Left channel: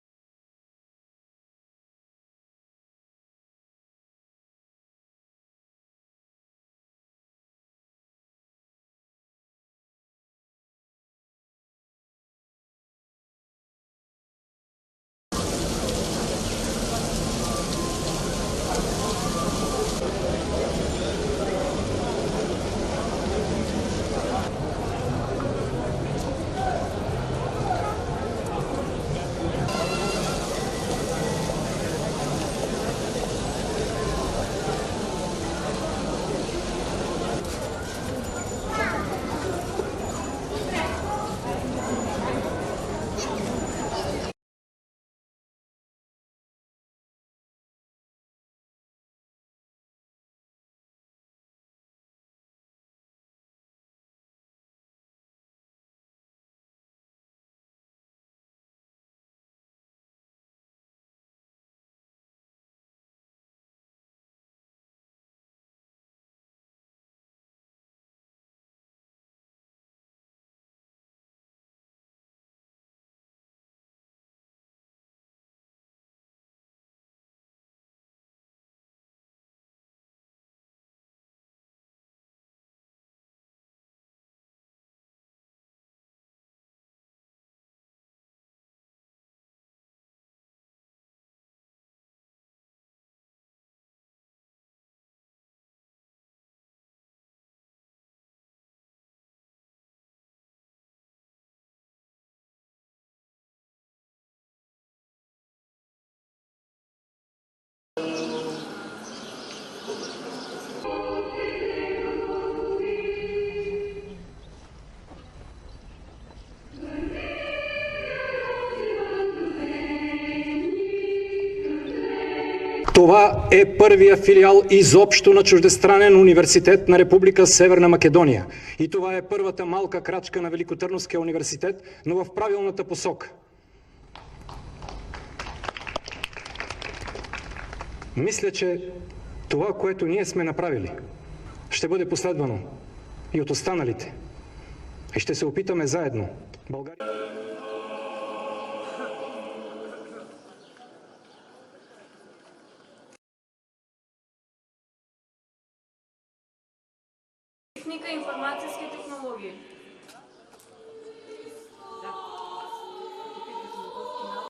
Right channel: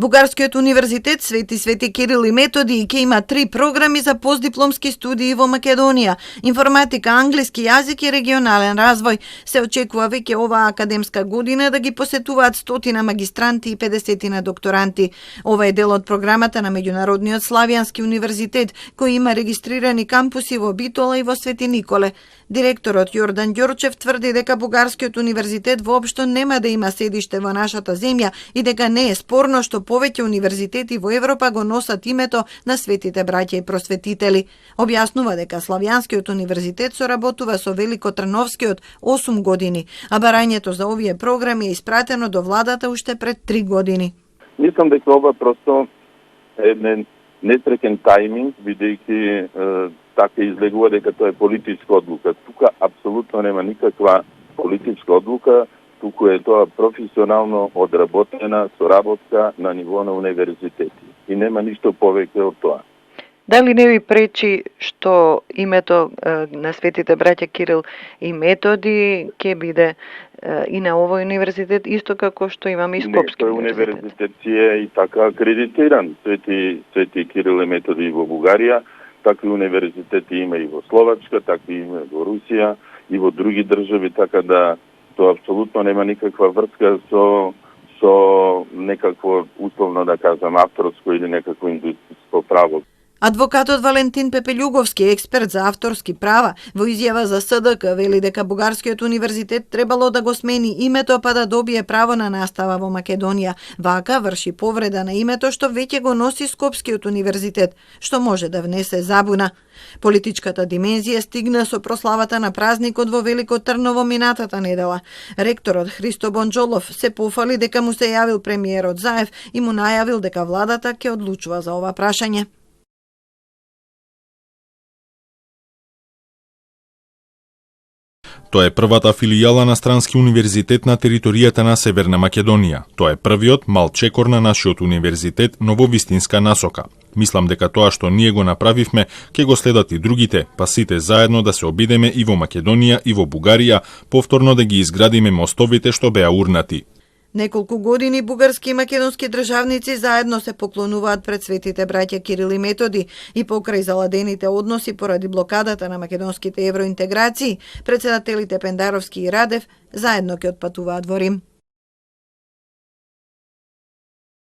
Бугарскиот универзитет Свети Кирил и Методи ќе има 3 програми за постдипломски студии во Македонија: информатика, англиски јазик и регионален развој. Се очекува веќе оваа академска година да ги посетуваат 100 магистранти и 50 докторанти. Ова е дел од програмата на Меѓународниот славјански универзитет, кој има регистрирани кампуси во Битола и во Свети Николе. Директорот Јордан Ѓорчев тврди дека Бугарскиот универзитет воопшто нема да има седиште во нашата земја и дека не е спорно што повеќе универзитети во Европа го носат името на светите браќа и просветители. Објаснува дека Славјанскиот универзитет соработува со Великотрновскиот 8 години, а барањето за овие програми е испратено до владата уште пред 3 години. Мислам дека ова просто е несреќен тајминг, бидејќи така излегува дека тоа е политичка одлука. Тука апсолутно нема никаква политичка одлука, туку е тоа професионално одработена соработка на ниво на универзитети. И нема ништо повеќе од тоа. Дали не ви пречи што името на светите браќа Кирил и Методи ќе биде и на овој универзитет, исто како што имаме и Скопски универзитет? Универзитет си е и така акредитиран. Свети Кирил и Методи во Бугарија, такви универзитети има и во Словачка, такви има во Русија и во други држави, така да тоа апсолутно нема никаква врска со некакво, условно да кажам, авторско или некакво индустријско право. Адвокатот Валентин Пепелјуговски, експерт за авторски права, во изјава за СДК вели дека Бугарскиот универзитет требало да го смени името па да добие право на настава во Македонија. Вака врши повреда на името што веќе го носи Скопскиот универзитет, што може да внесе забуна. Политичката димензија стигна со прославата на празникот во Велико Трново минатата недела. Ректорот Христо Бонџолов се пофали дека му се јавил премиерот Заев и му најавил дека владата ќе одлучува за ова прашање. Това е првиот филијал изопшто на чуждестранен универзитет на Република Северна Македонија. Тоа е првата филијала на странски универзитет на територијата на Северна Македонија. Тоа е првиот мал чекор на нашиот универзитет, но во вистинска насока. Мислам дека тоа што ние го направивме, ќе го следат и другите, па сите заедно да се обидеме и во Македонија и во Бугарија, повторно да ги изградиме мостовите што беа урнати. Неколку години бугарски и македонски државници заедно се поклонуваат пред светите браќа Кирил и Методи и покрај заладените односи поради блокадата на македонските евроинтеграции, председателите Пендаровски и Радев заедно ќе отпатуваат во Рим.